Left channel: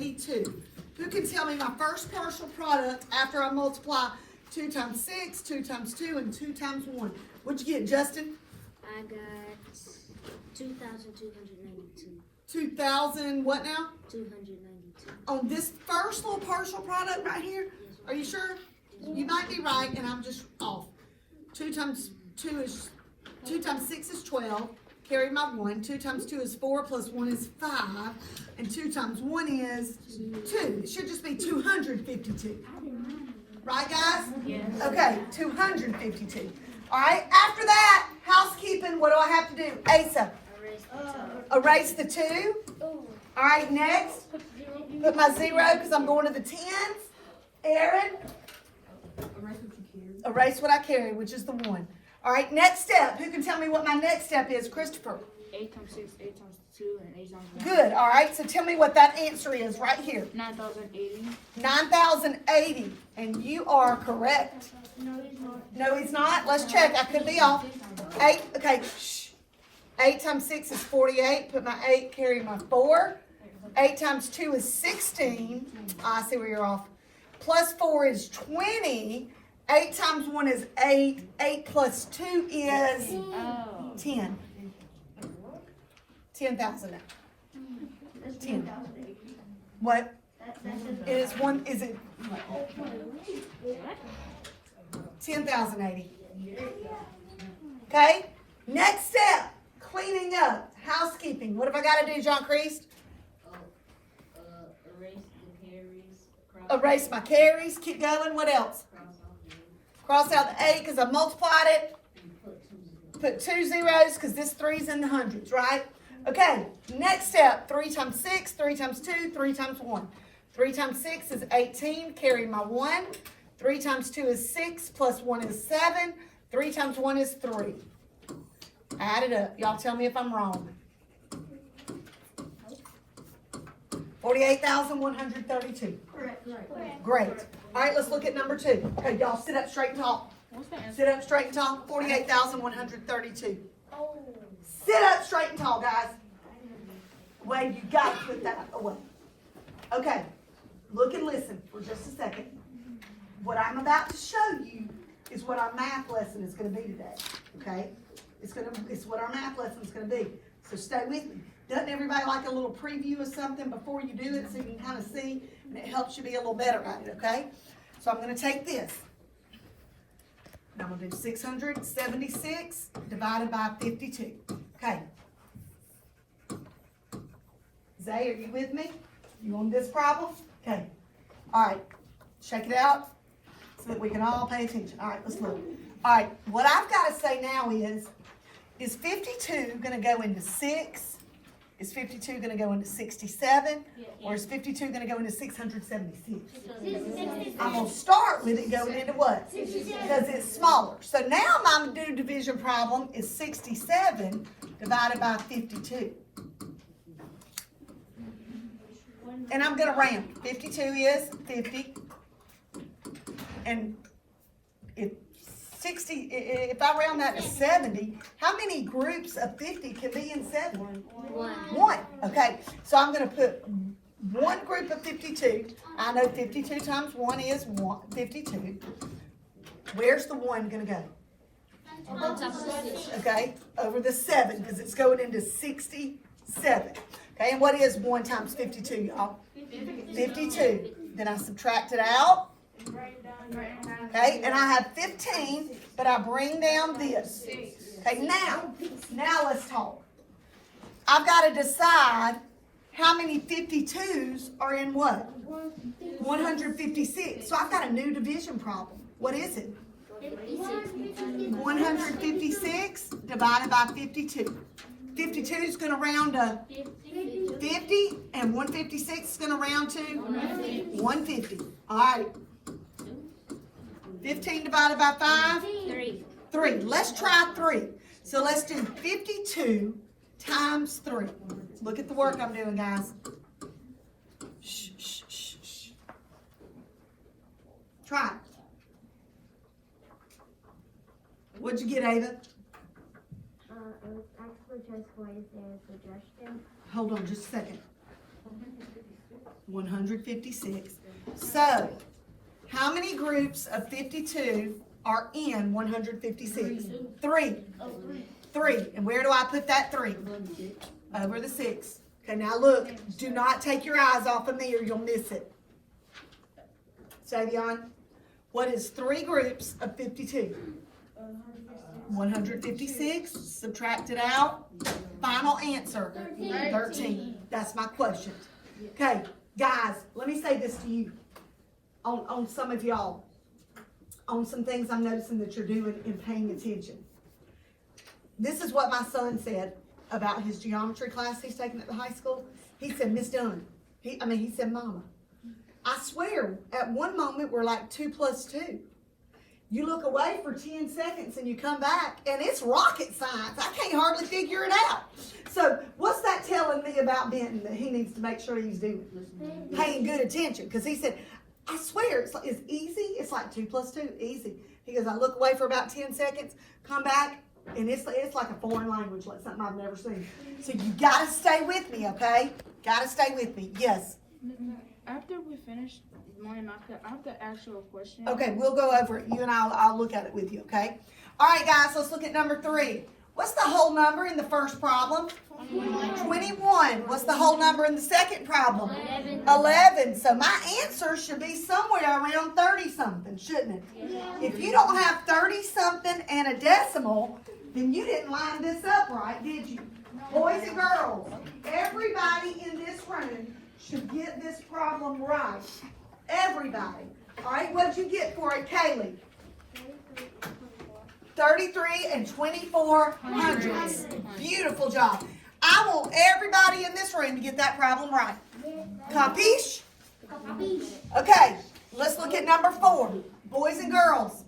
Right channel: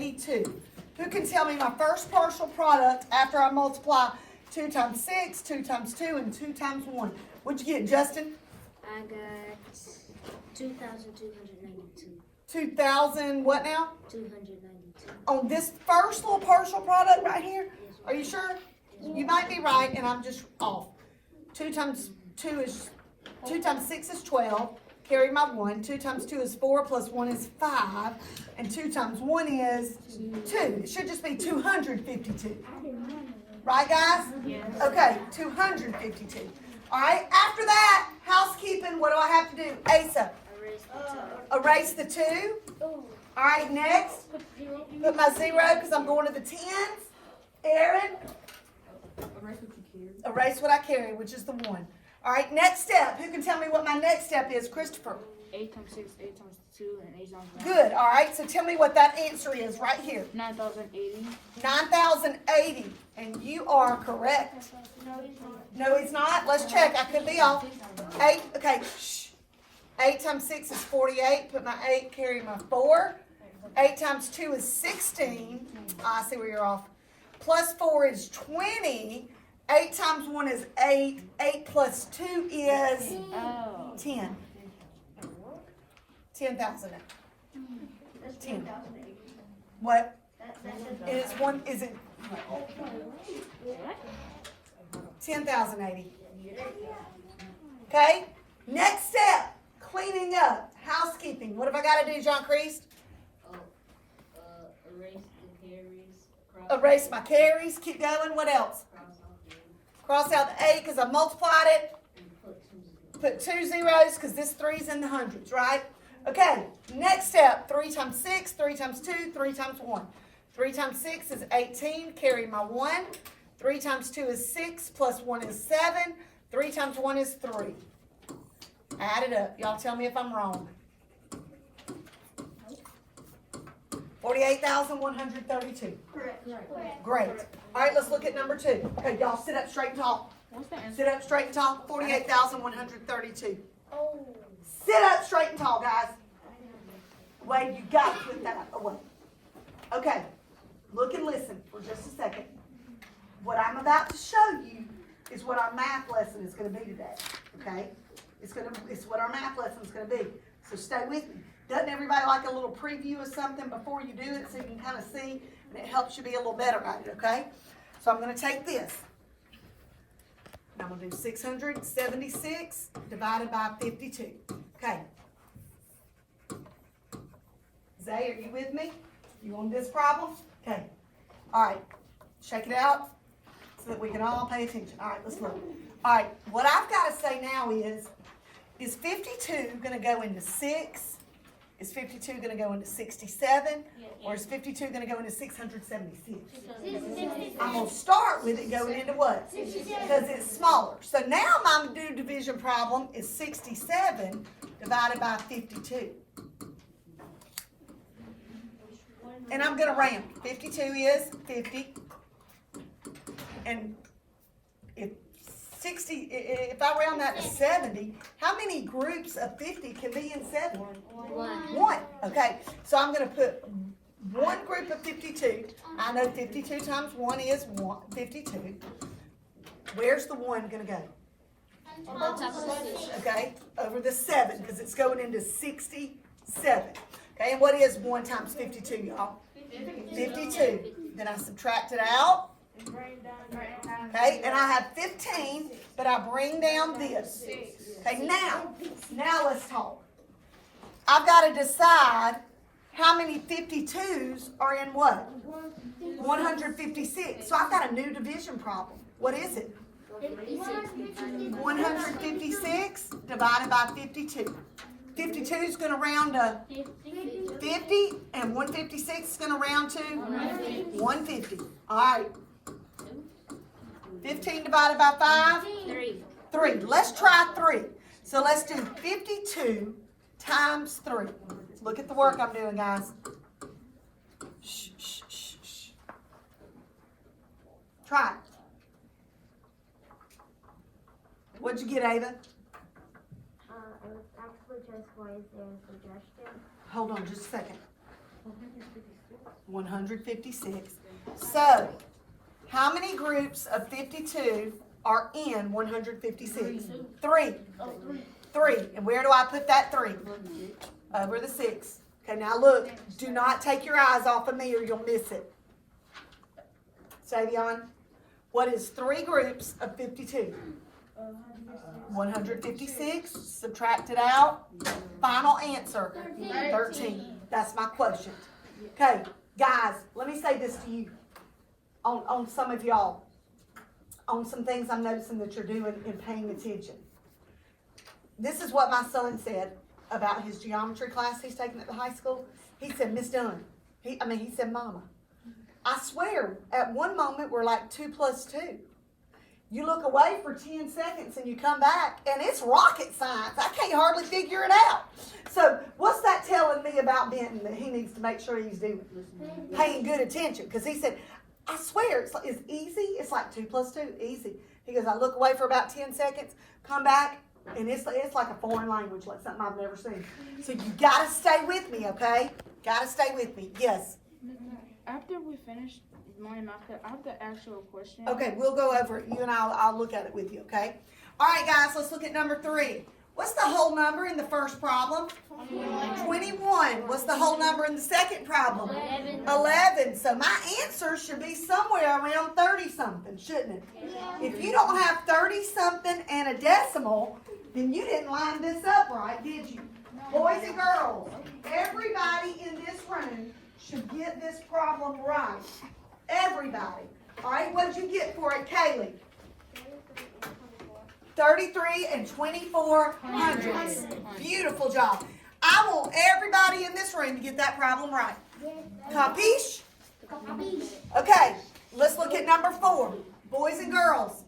82. Who can tell me my first partial product after I multiply 2 times 6, 2 times 2, and 2 times 1? What'd you get, Justin? I got 2,292. 2,000, what now? 292. On this first little partial product right here? Are you sure? You might be right, and I'm just off. 2 times 2 is 2 times 6 is 12. Carry my 1. 2 times 2 is 4 plus 1 is 5. And 2 times 1 is 2. It should just be 252. Right, guys? Yes. Okay, 252. All right, after that, housekeeping, what do I have to do? Asa, erase the 2. All right, next, put my 0 because I'm going to the 10s. Aaron, erase what I carry, which is the 1. All right, next step. Who can tell me what my next step is? Christopher. 8 times 6, 8 times 2, and 8 times 1. Good. All right, so tell me what that answer is right here. 9,080. 9,080. And you are correct. No, he's not. Let's check. I could be off. 8. Okay. Shh. 8 times 6 is 48. Put my 8, carry my 4. 8 times 2 is 16. I see where you're off. Plus 4 is 20. 8 times 1 is 8. 8 plus 2 is 10. 10,000. 10. What? It is one. Is it 10,080? Okay. Next step: cleaning up, housekeeping. What have I got to do, John Priest? Erase the carries. Erase my carries. Keep going. What else? Cross out the 8 because I multiplied it. Put 2 zeros because this 3's in the hundreds, right? Okay, next step, 3 times 6, 3 times 2, 3 times 1. 3 times 6 is 18, carry my 1. 3 times 2 is 6, plus 1 is 7. 3 times 1 is 3. Add it up. Y'all tell me if I'm wrong. 48,132. Great. All right, let's look at number 2. Okay, y'all sit up straight and talk. Sit up straight and talk. 48,132. Sit up straight and tall, guys. Wade, you got to put that away. Okay, look and listen for just a second. What I'm about to show you is what our math lesson is going to be today. Okay, it's what our math lesson is going to be. So stay with me. Doesn't everybody like a little preview of something before you do it so you can kind of see and it helps you be a little better at it? Okay, so I'm going to take this. I'm going to do 676 divided by 52. Okay. Zay, are you with me? You on this problem? Okay. All right. Shake it out so that we can all pay attention. All right, let's look. All right, what I've got to say now is 52 going to go into 6? Is 52 going to go into 67? Or is 52 going to go into 676? I'm going to start with it going into what? Because it's smaller. So now my new division problem is 67 divided by 52. And I'm going to round. 52 is 50. And if I round that to 70, how many groups of 50 can be in 70? One. Okay, so I'm going to put one group of 52. I know 52 times 1 is 52. Where's the 1 going to go? Okay, over the 7 because it's going into 67. Okay, and what is 1 times 52, y'all? 52. Then I subtract it out. Okay, and I have 15, but I bring down this. Okay, now let's talk. I've got to decide how many 52s are in what? 156. So I've got a new division problem. What is it? 156 divided by 52. 52 is going to round to 50, and 156 is going to round to 150. All right. 15 divided by 5? 3. Let's try 3. So let's do 52 times 3. Look at the work I'm doing, guys. Shh, shh, shh, shh. Try it. What'd you get, Ava? It was actually just what is their suggestion. Hold on just a second. 156. So, how many groups of 52 are in 156? 3. 3. And where do I put that 3? Over the 6. Okay, now look. Do not take your eyes off of me or you'll miss it. Savion, what is 3 groups of 52? 156. Subtract it out. Final answer. 13. That's my quotient. Okay, guys, let me say this to you. On some of y'all. On some things I'm noticing that you're doing and paying attention. This is what my son said about his geometry class he's taking at the high school. He said, Miss Dunn. He said, Mama, I swear, at one moment we're like 2 plus 2. You look away for 10 seconds and you come back and it's rocket science. I can't hardly figure it out. So what's that telling me about Benton that he needs to make sure he's doing? Paying good attention. Because he said, I swear, it's easy. It's like 2 plus 2, easy. He goes, I look away for about 10 seconds, come back, and it's like a foreign language, like something I've never seen. So you got to stay with me, okay? Got to stay with me. Yes. After we finish mine, I have the actual question. Okay, we'll go over it. You and I'll look at it with you, okay? All right, guys, let's look at number 3. What's the whole number in the first problem? 21. What's the whole number in the second problem? 11. So my answer should be somewhere around 30-something, shouldn't it? If you don't have 30-something and a decimal, then you didn't line this up right, did you? Boys and girls, everybody in this room should get this problem right. Everybody. All right, what'd you get for it, Kaylee? 33 and 24 hundredths. Beautiful job. I want everybody in this room to get that problem right. Capiche? Okay, let's look at number 4. Boys and girls.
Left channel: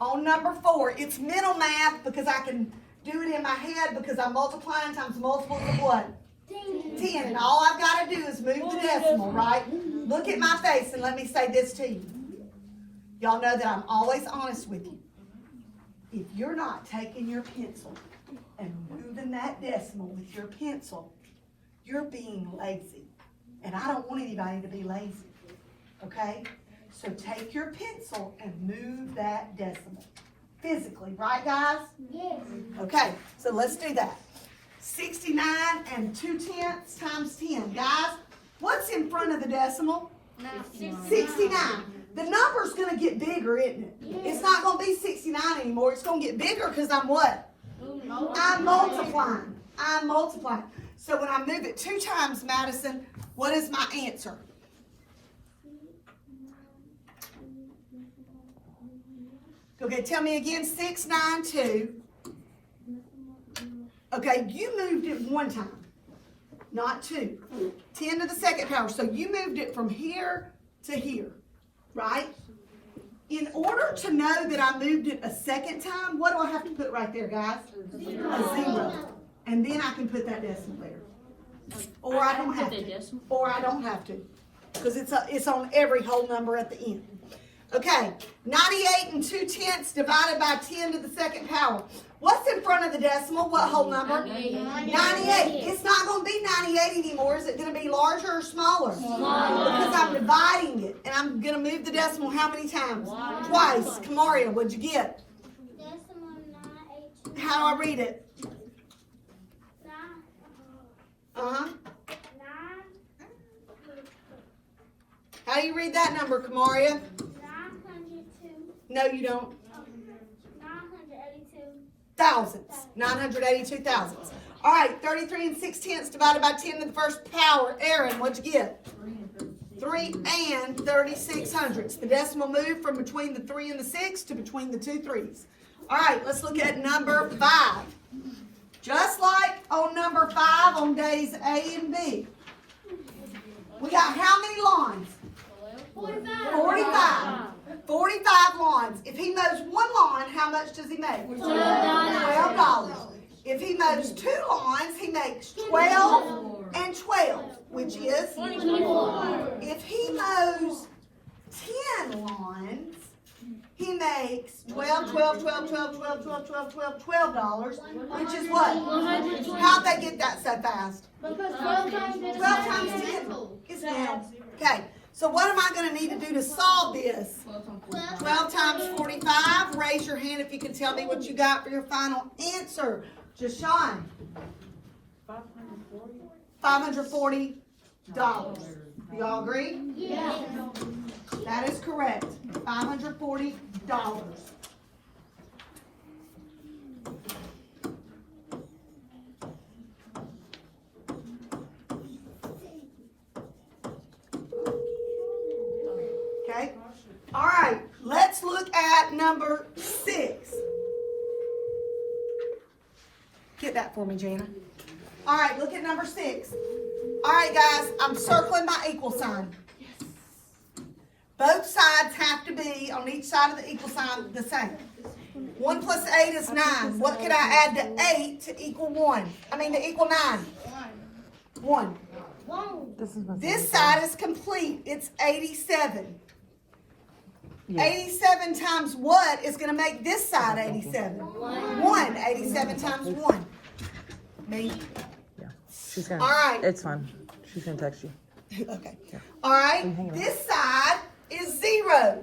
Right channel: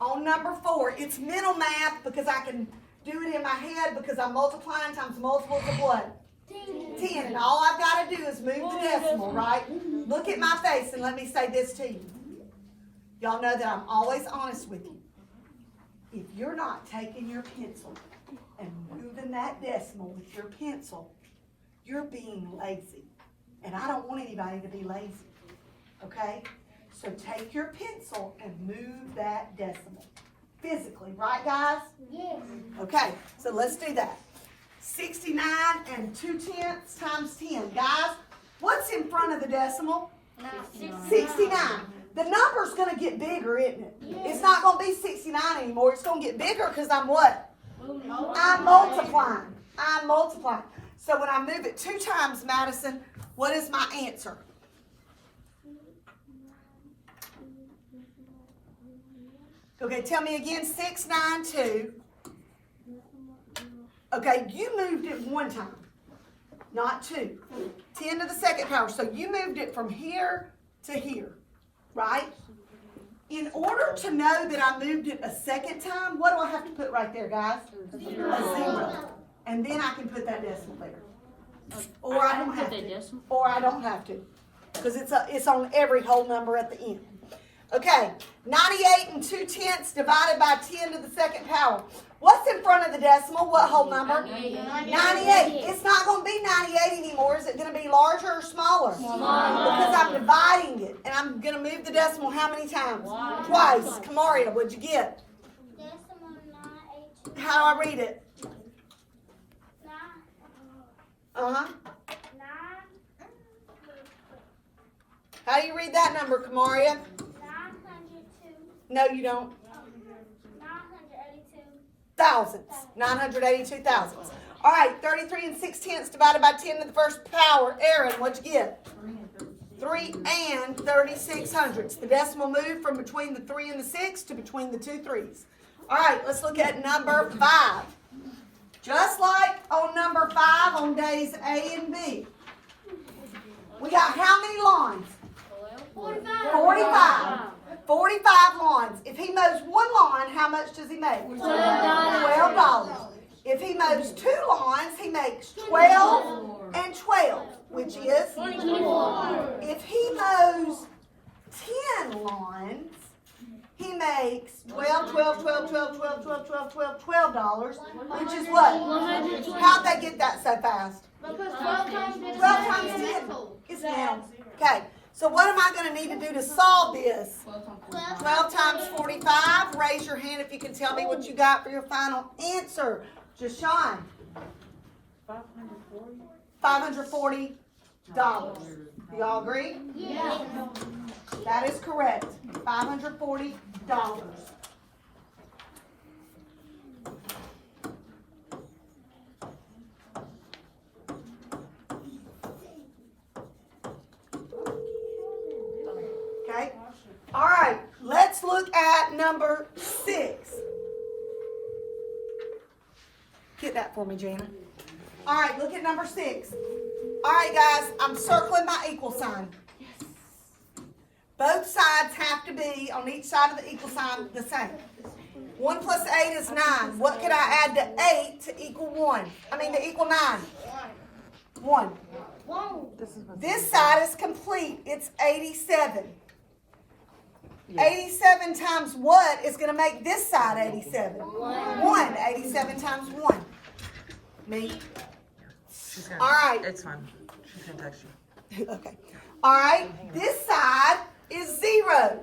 On number 4, it's mental math because I can do it in my head because I'm multiplying times multiples of what? 10. And all I've got to do is move the decimal, right? Look at my face and let me say this to you. Y'all know that I'm always honest with you. If you're not taking your pencil and moving that decimal with your pencil, you're being lazy. And I don't want anybody to be lazy. Okay? So take your pencil and move that decimal. Physically, right guys? Yes. Okay, so let's do that. 69 and 2/10 times 10. Guys, what's in front of the decimal? 69. The number's going to get bigger, isn't it? It's not going to be 69 anymore. It's going to get bigger because I'm what? I'm multiplying. I'm multiplying. So when I move it 2 times, Madison, what is my answer? Okay, tell me again. 692. Okay, you moved it 1 time, not 2. 10 to the second power. So you moved it from here to here, right? In order to know that I moved it a second time, what do I have to put right there, guys? A 0. And then I can put that decimal there. Or I don't have to. Or I don't have to. Because it's on every whole number at the end. Okay, 98 and 2/10 divided by 10 to the second power. What's in front of the decimal? What whole number? 98. It's not going to be 98 anymore. Is it going to be larger or smaller? Smaller. Because I'm dividing it. And I'm going to move the decimal how many times? Twice. Kamaria, what'd you get? Decimal 9, 8. How do I read it? 9. Uh-huh. 9. How do you read that number, Kamaria? 902. No, you don't. 982. Thousandths. 982 thousandths. All right, 33 and 6/10 divided by 10 to the first power. Aaron, what'd you get? 3 and 36 hundredths. The decimal moved from between the 3 and the 6 to between the 2 3s. All right, let's look at number 5. Just like on number 5 on days A and B, we got how many lawns? 45. 45 lawns. If he mows 1 lawn, how much does he make? $12. If he mows 2 lawns, he makes 12 and 12, which is 24. If he mows 10 lawns, he makes $12, which is what? How'd they get that so fast? 12 times 10. Yes, ma'am. Okay, so what am I gonna need to do to solve this? 12 times 45. Raise your hand if you can tell me what you got for your final answer. Jashawn. $540. Y'all agree? Yeah. That is correct. $540. Okay. All right. Let's look at number 6. Get that for me, Jana. All right. Look at number 6. All right, guys. I'm circling my equal sign. Both sides have to be on each side of the equal sign the same. 1 plus 8 is 9. What could I add to 8 to equal 1? To equal 9. 1. This side is complete. It's 87. 87 times what is going to make this side 87? 1. 87 times 1. Me? She's gonna. All right. It's fine. She's gonna text you. Okay. All right. This side is 0.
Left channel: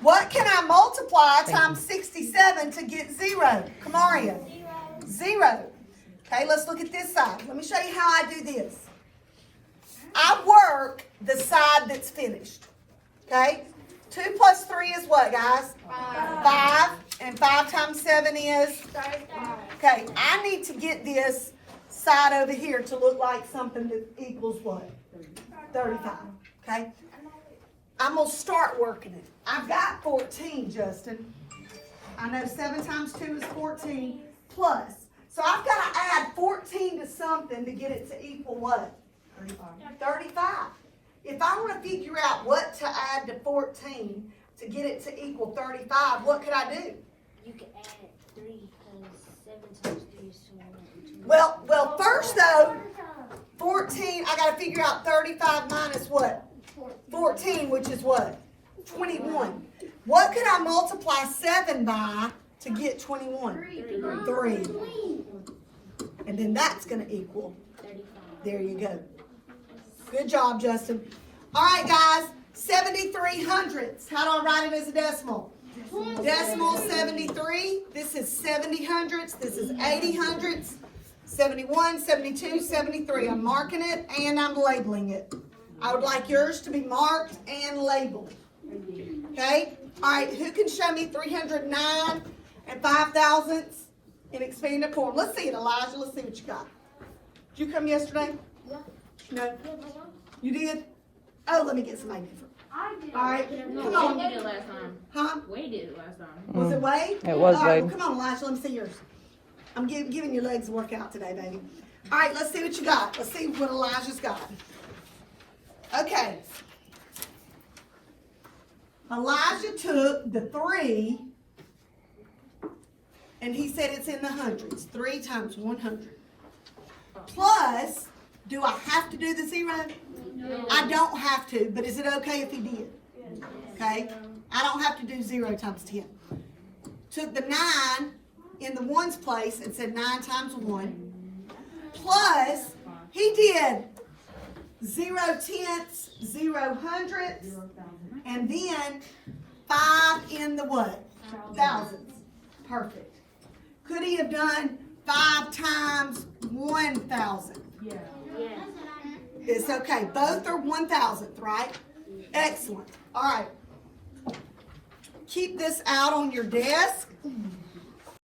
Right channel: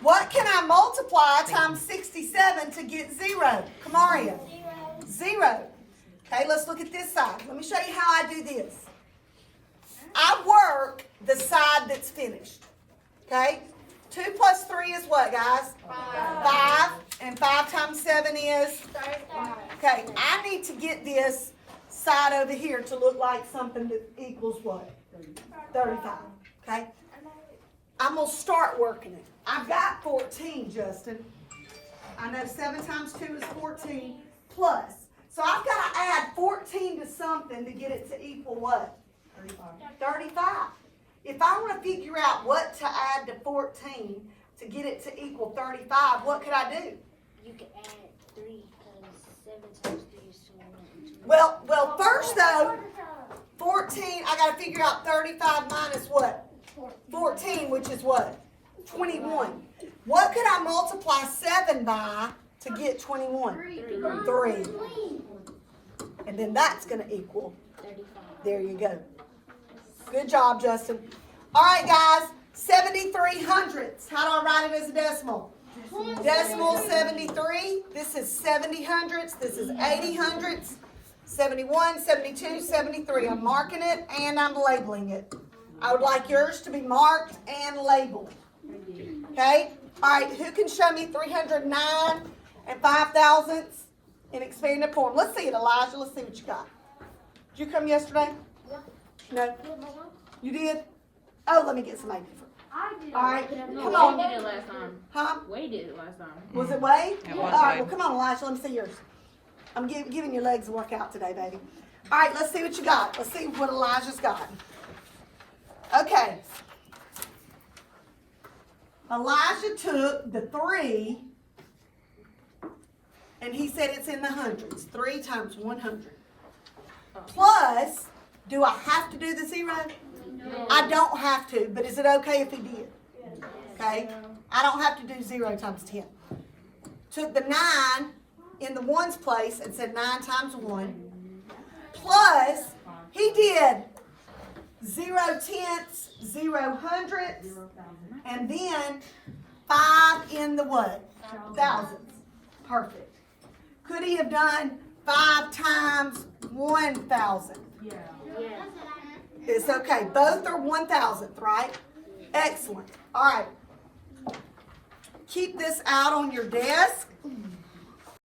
What can I multiply times 67 to get 0? Kamaria. 0. Okay, let's look at this side. Let me show you how I do this. I work the side that's finished. Okay? 2 plus 3 is what, guys? 5. And 5 times 7 is? Okay, I need to get this side over here to look like something that equals what? 35. Okay? I'm going to start working it. I've got 14, Justin. I know 7 times 2 is 14 plus. So I've got to add 14 to something to get it to equal what? 35. If I want to figure out what to add to 14 to get it to equal 35, what could I do? You can add 3 times 7 times 3 is 21. Well, first though, 14, I got to figure out 35 minus what? 14, which is what? 21. What could I multiply 7 by to get 21? 3. And then that's going to equal. There you go. Good job, Justin. All right, guys. 73 hundredths. How do I write it as a decimal? Decimal 73. This is 70 hundredths. This is 80 hundredths. 71, 72, 73. I'm marking it and I'm labeling it. I would like yours to be marked and labeled. Okay? All right, who can show me 309 and 5 thousandths in expanded form? Let's see it, Elijah. Let's see what you got. Did you come yesterday? No? You did? Oh, let me get somebody different. All right, come on. We did it last time. Huh? We did it last time. Was it Wade? It was All right, Wade. well, come on, Elijah. Let me see yours. I'm giving your legs a workout today, baby. All right, let's see what you got. Let's see what Elijah's got. Okay. Elijah took the 3, and he said it's in the hundreds. 3 times 100. Plus, do I have to do the 0? No. I don't have to, but is it okay if he did? Okay? I don't have to do 0 times 10. Took the 9 in the 1's place and said 9 times 1. Plus, he did 0 tenths, 0 hundredths, and then 5 in the what? Thousands. Perfect. Could he have done 5 times 1,000? Yeah. It's okay. Both are 1,000th, right? Excellent. All right. Keep this out on your desk.